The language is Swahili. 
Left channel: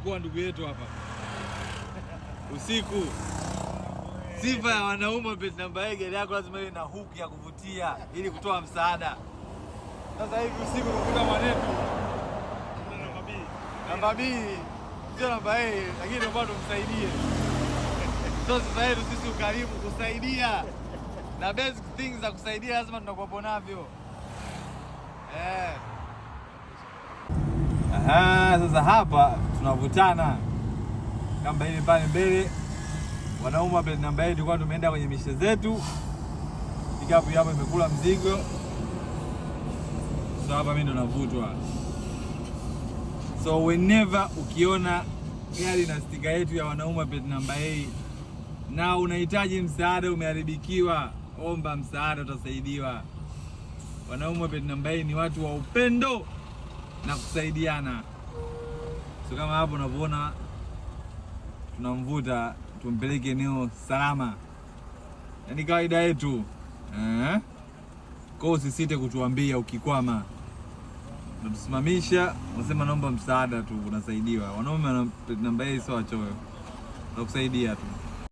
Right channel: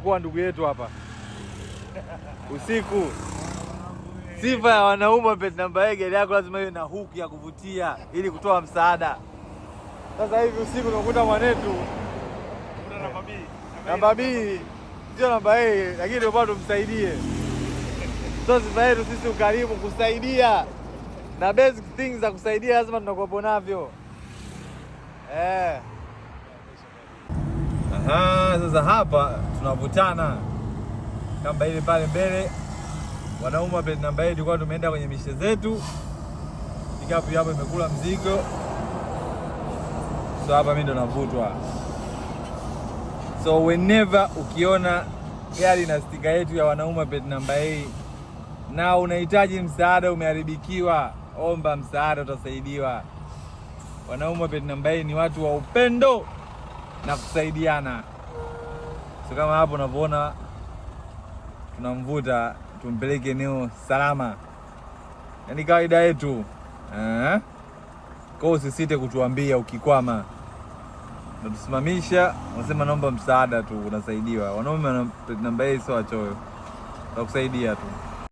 tunamuokoa ndugu yetu hapa usiku. Sifa ya wanaume plate number A, gari yako lazima iwe na hook ya kuvutia ili kutoa msaada. Sasa hivi usiku unakuta mwanetu namba B sio namba A, lakini bado tumsaidie. Sasa sifa yetu sisi ukarimu kusaidia, na basic things za kusaidia lazima tunakuwa navyo. Sasa hapa tunavutana kamba ile pale mbele. Wanaume plate number 8 tulikuwa tumeenda kwenye mishe zetu. Pikapu hapo imekula mzigo. So hapa mimi ndo navutwa. So whenever ukiona gari na stika yetu ya wanaume plate number 8 na unahitaji msaada, umeharibikiwa, omba msaada, utasaidiwa. Wanaume plate number 8 ni watu wa upendo na kusaidiana. So kama hapo unavyoona tunamvuta tumpeleke eneo salama. Yaani kawaida yetu. Kwa usisite kutuambia ukikwama. Unatusimamisha, unasema naomba msaada tu, unasaidiwa. Wanaume plate number 8 sio wachoyo. Tutakusaidia tu.